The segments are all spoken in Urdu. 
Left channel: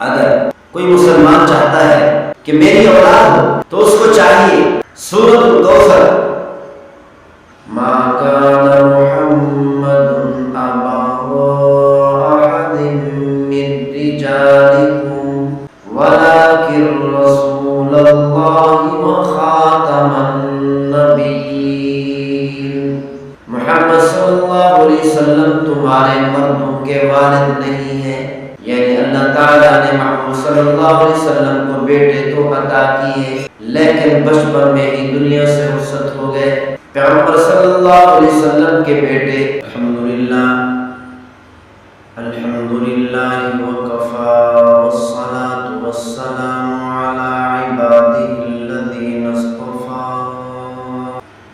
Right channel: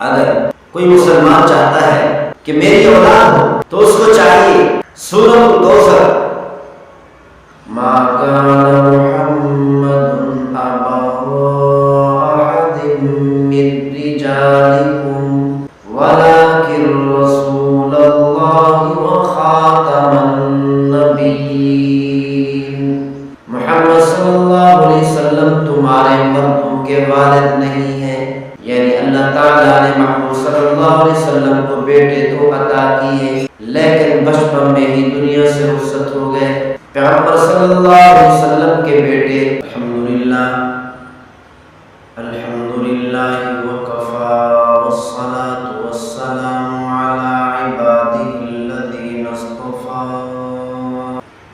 اگر کوئی مسلمان چاہتا ہے کہ میری اولاد ہو تو اس کو چاہیے سورۃ الکوثر ما کان محمد ابا احد من رجالکم ولکن رسول اللہ وخاتم النبیین، محمد صلی اللہ علیہ وسلم تمہارے مردوں کے والد نہیں ہیں، یعنی اللہ تعالیٰ نے محمد صلی اللہ علیہ وسلم کو بیٹے تو عطا کیے لیکن بچپن میں ہی دنیا سے رخصت ہو گئے۔ پیغمبر صلی اللہ علیہ وسلم کے بیٹے الحمدللہ وکفا والصلاة والسلام علی عباده الذین اصطفى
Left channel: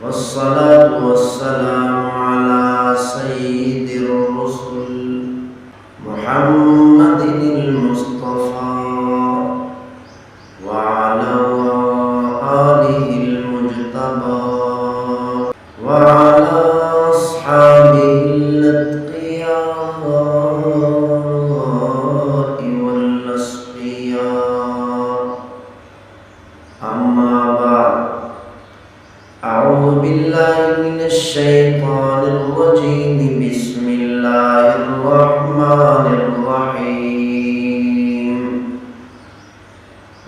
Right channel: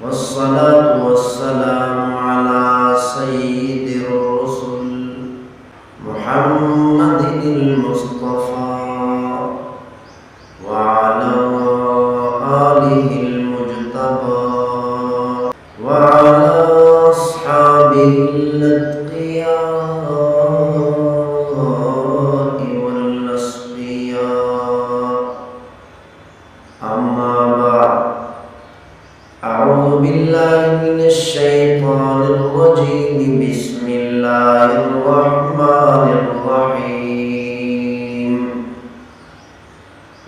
والصلاة والسلام علی سید الرسل محمد المصطفى وعلى آله المجتبى وعلى أصحابه الأتقياء والأصفياء، أما بعد، أعوذ بالله من الشيطان الرجيم، بسم الله الرحمن الرحيم،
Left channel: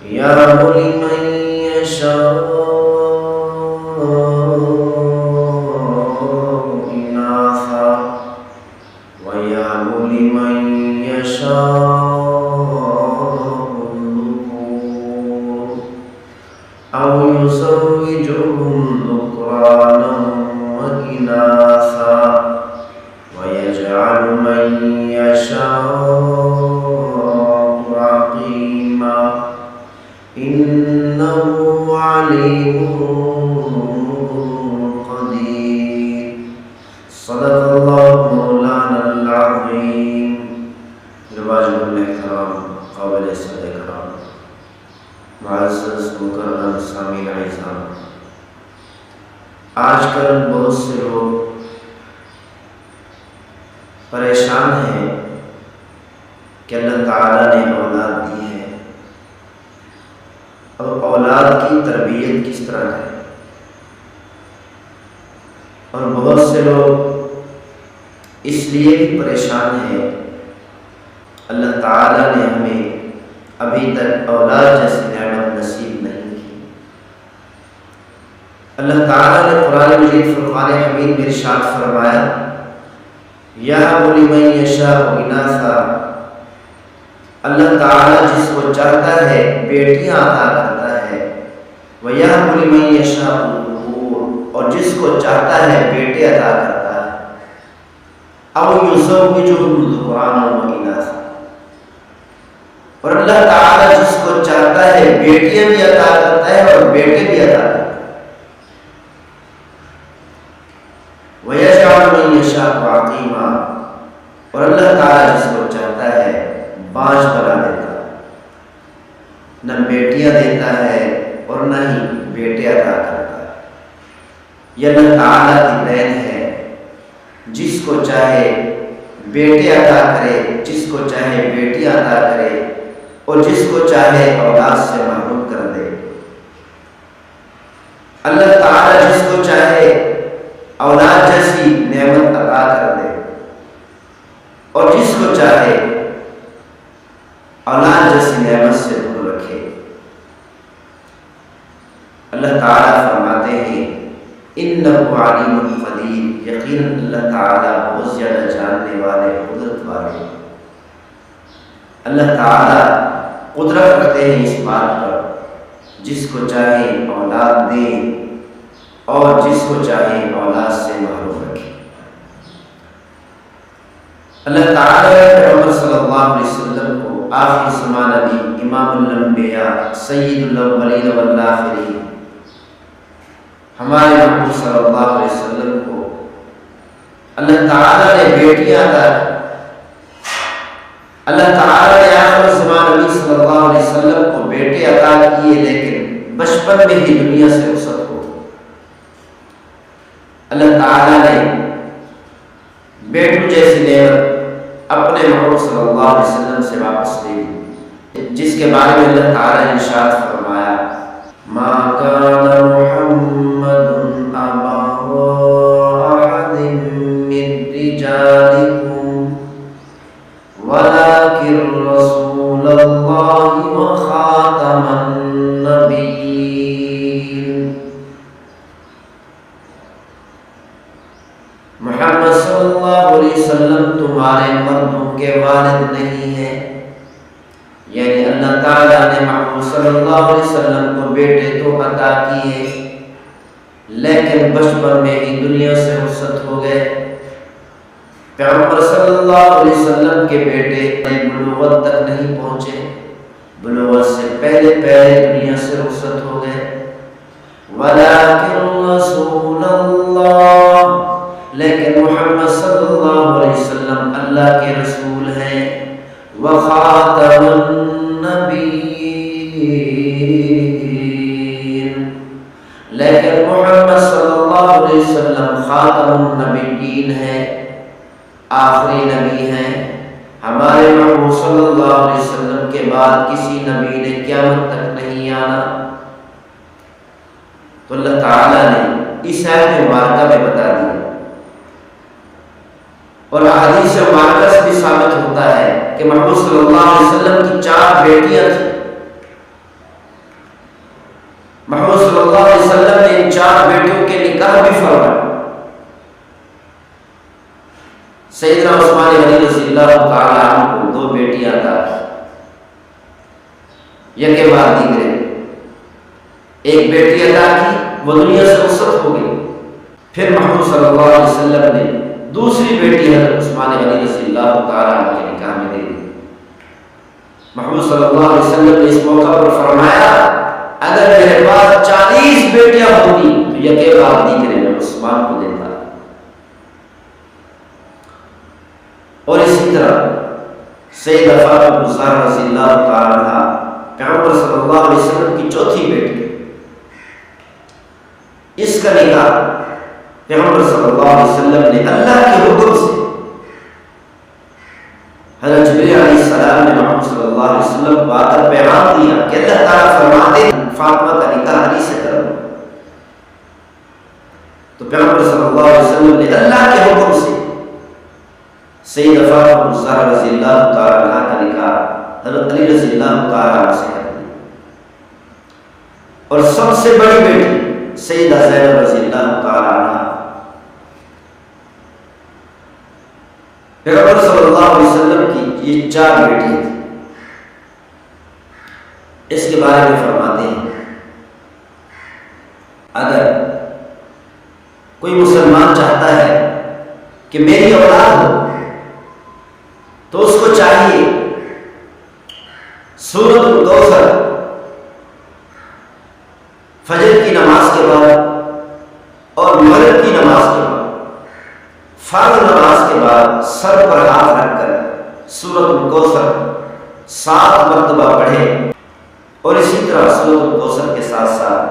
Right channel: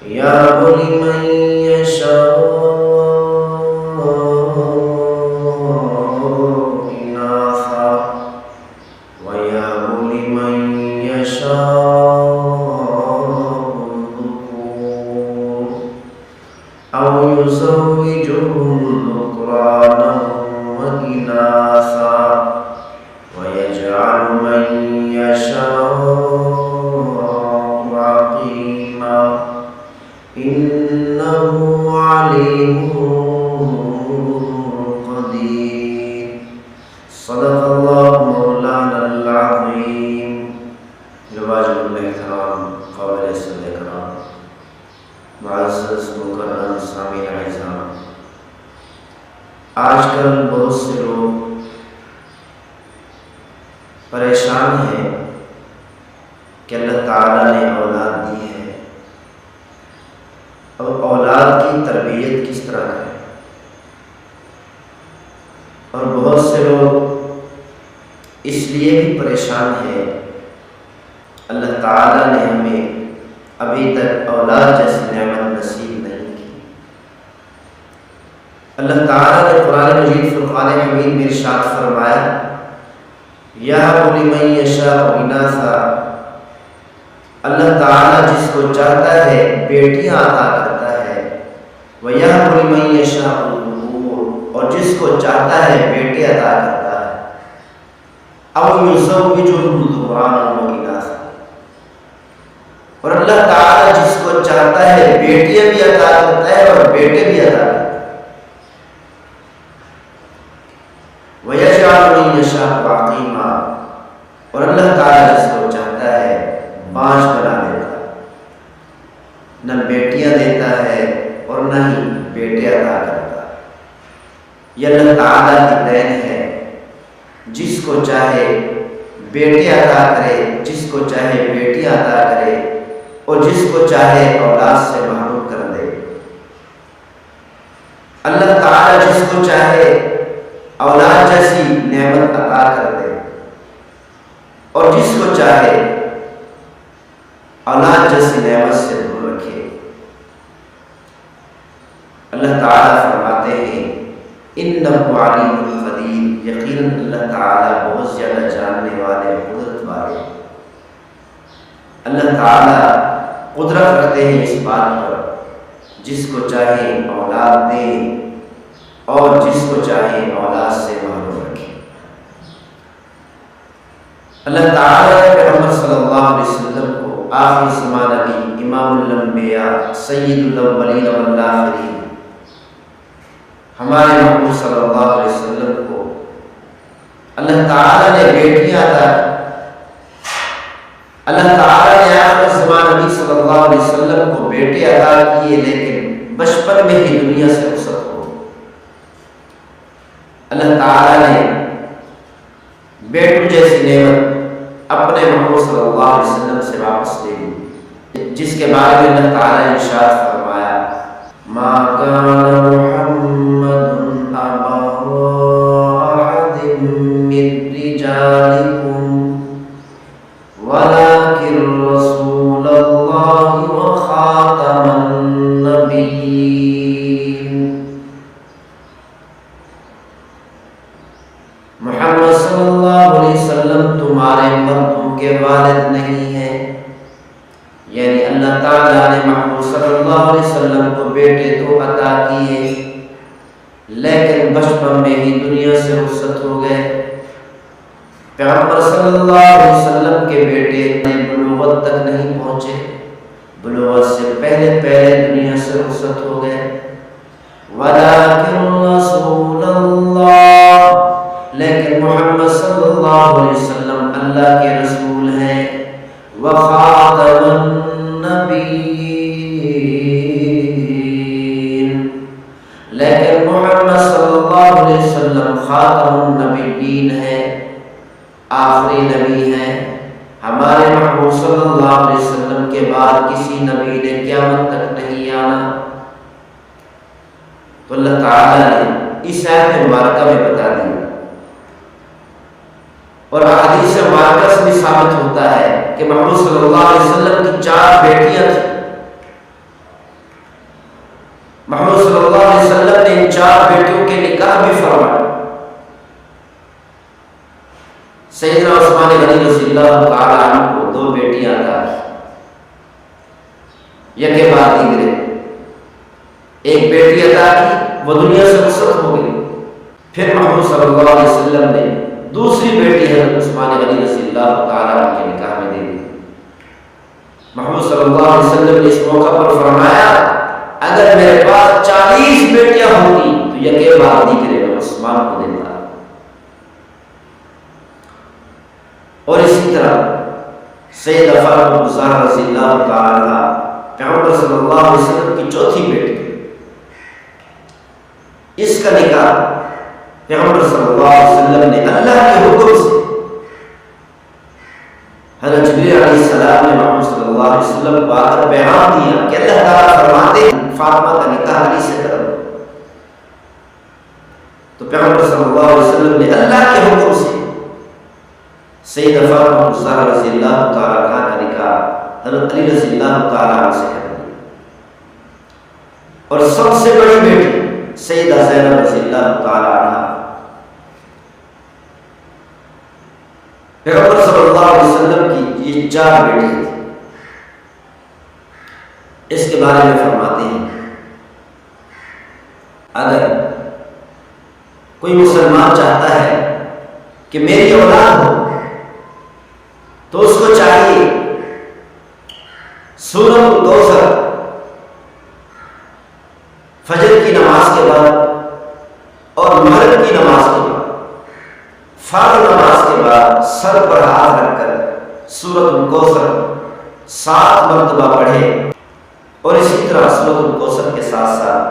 يهب لمن يشاء إناثا ويهب لمن يشاء الذكور أو يزوجهم ذكرانا وإناثا ويجعل من يشاء عقيما إنه عليم قدير، صدق الله مولانا العظيم۔ واجب الاحترام قابل صدر کرام، معزز مکرم سامعین اعزام، آج کل بہت سے لوگ پریشان ہیں کہ اللہ تعالیٰ نے اولاد دی ہے، اب اولاد کی تربیت کس طرح کریں، اور بہت سے لوگ اس لیے بھی پریشان ہیں اللہ تعالیٰ نے ہمیں ابھی تک اولاد جیسی نعمت نصیب نہیں کی۔ اللہ تعالیٰ نے قرآن مجید فرقان حمید میں ارشاد فرمایا، یہب لمن یشاء اناثا، اللہ تعالیٰ جس کو چاہتا ہے بیٹیاں عطا کرتا ہے، وَيَهْبُ لِمَن يَشَاءُ الذُّكُورَ، اور جس کو چاہتا ہے بیٹے عطا کرتا ہے، أَوْ يُزَوِّجُهُمْ ذُكْرَانًا وَإِنَاثًا، اور اللہ تعالیٰ جس کو چاہتا ہے بیٹیاں بھی عطا کرتا ہے اور بیٹے بھی عطا کرتا ہے، وَيَجْعَلُ مَن يَشَاءُ عَقِيمًا، اور اللہ تعالیٰ جس کو چاہتا ہے بانجھ بنا دیتا ہے، نہ بیٹیاں دیتا ہے اور نہ ہی بیٹے عطا کرتا ہے۔ یہ اللہ تعالیٰ کی دین ہے، جس کو چاہے بیٹے عطا کرے، جس کو چاہے بیٹی عطا کرے، اور جس کو چاہے اولاد سے محروم کر دے۔ اللہ تعالیٰ جس کو چاہے اولاد جیسی نعمت عطا کر دے، اور جس کو چاہے اولاد جیسی نعمت سے دور رکھے۔ اللہ تعالیٰ فرماتے ہیں انہ علیم قدیر، یقیناً اللہ تعالیٰ بہت زیادہ جاننے والے، قدرت والے۔ اللہ تعالیٰ قدرت رکھتے ہیں اس بات پر جس کو چاہے اولاد دیں اور جس کو چاہے اولاد سے محروم رکھیں۔ اللہ تعالیٰ نے پیغمبر صلی اللہ علیہ وسلم کو آخری زمانہ نبی، امام الانبیاء، سید الاولین والآخرین، ہمارے محبوب صلی اللہ علیہ وسلم کو اللہ تعالیٰ نے بیٹیاں عطا کی۔ اللہ تعالیٰ نے آخر زمانہ نبی صلی اللہ علیہ وسلم کو بیٹے عطا کیے لیکن بچپن میں ہی دنیا سے رخصت ہو۔ اللہ تعالیٰ نے بیٹوں جیسی نعمت اپنے محمد صلی اللہ علیہ وسلم سے واپس لے لی، جس کے بارے میں اللہ تعالیٰ نے ارشاد فرمایا ما کان محمد ابا احد من رجالکم ولکن رسول اللہ وخاتم النبیین۔ محمد صلی اللہ علیہ وسلم تمہارے مردوں کے والد نہیں ہیں، یعنی اللہ تعالیٰ نے محمد صلی اللہ علیہ وسلم کو بیٹے تو عطا کیے، لیکن بچپن میں ہی دنیا سے رخصت ہو گئے۔ پیغمبر صلی اللہ علیہ وسلم کے بیٹے بلوغت تک نہیں پہنچے، بلوغت سے پہلے دنیا سے رخصت ہو گئے۔ وَلَٰكِن رَّسُولَ اللَّهِ، لیکن محمد صلی اللہ علیہ وسلم اللہ کے رسول ہیں۔ وَخَاتَمَ النَّبِيِّينَ، لیکن محمد صلی اللہ علیہ وسلم خاتم النبیین ہیں، آخری نبی ہیں۔ ہمارے محمود صلی اللہ علیہ وسلم کے بعد کسی نبی نے قیامت تک نہیں آنا۔ تو اللہ تعالیٰ نے اس آیت مبارکہ میں بتا دیا، اور احادیث مبارکہ سے بھی ثابت ہوتا ہے کہ محمد صلی اللہ علیہ وسلم کی 4 بیٹیاں تھیں۔ محمد صلی اللہ علیہ وسلم نے ان 4 بیٹیوں کے نکاح بھی فرمائے۔ سیدنا عثمان غنی رضی اللہ تعالی عنہ کو 2 بیٹیاں تھا، یکے بعد دیگرے۔ ایک بیٹی عطا کی، وہ دنیا سے رخصت ہو گئی۔ پھر محمد صلی اللہ علیہ وسلم نے دوسری بیٹی حضرت عثمان غنی رضی اللہ تعالیٰ عنہ کے نکاح میں دے دی۔ محمد صلی اللہ علیہ وسلم نے اس موقع پر فرمایا اگر میرے پاس 40 بیٹیاں ہوتی تو یکے بعد دیگرے میں عثمان کو دیتا۔ اور اسی طرح سیدہ فاطمہ الزہرا رضی اللہ تعالیٰ عنہ پیغمبر صلی اللہ علیہ وسلم کی 4تھی بیٹی، اس کا نکاح پیغمبر صلی اللہ علیہ وسلم نے اللہ کے حکم سے، حضرت جبریل علیہ السلام نے محمد صلی اللہ علیہ وسلم کو آ کر پیغام دیا کہ اللہ تعالیٰ فرماتے ہیں فاطمہ کا نکاح علی سے کرو۔ تو پیغمبر صلی اللہ علیہ وسلم نے اللہ کے حکم سے سیدہ فاطمہ الزہرا رضی اللہ تعالیٰ عنہ کا نکاح حضرت علی رضی اللہ تعالیٰ عنہ سے کر دیا، اور سب سے بڑی بیٹی سیدہ زینب رضی اللہ تعالیٰ عنہ پیغمبر صلی اللہ علیہ وسلم کی یہ 4 بیٹیاں تھیں۔ اس کے بارے میں فرماتے ہیں اگر کوئی مسلمان چاہتا ہے کہ میری اولاد ہو تو اس کو چاہیے سورۃ الکوثر فجر کی نماز کے بعد اور مغرب کی نماز کے بعد، فرض نماز کے بعد سر پر ہاتھ رکھ کر سورۃ الکوثر 7 مرتبہ پڑھے، اور اسی طرح سورۃ الکوثر کے ساتھ ساتھ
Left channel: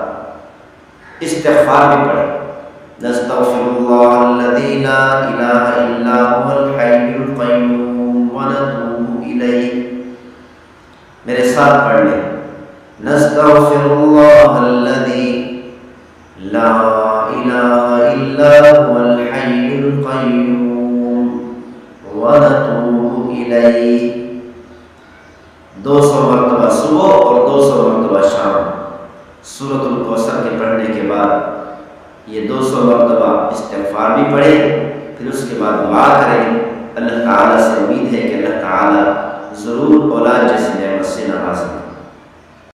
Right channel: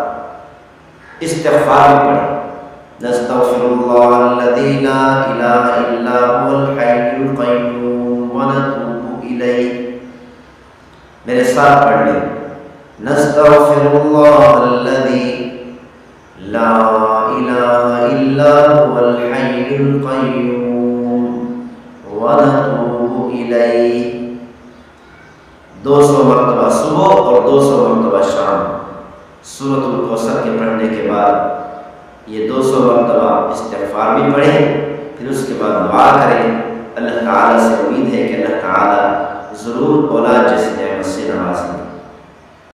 استغفار بھی پڑھے۔ نستغفر اللہ الذی لا الہ الا هو الحی القیوم ونتوب الیہ، میرے ساتھ پڑھ لیں۔ نستغفر اللہ الذی لا الہ الا هو الحی القیوم ونتوب الیہ، 200 مرتبہ صبح اور 200 مرتبہ شام سورۃ الکوثر کے پڑھنے کے بعد یہ 200 مرتبہ استغفار بھی پڑھیں، پھر اس کے بعد دعا کریں۔ اللہ تعالیٰ سے امید ہے کہ اللہ تعالیٰ ضرور اولاد جیسی نعمت سے نوازیں۔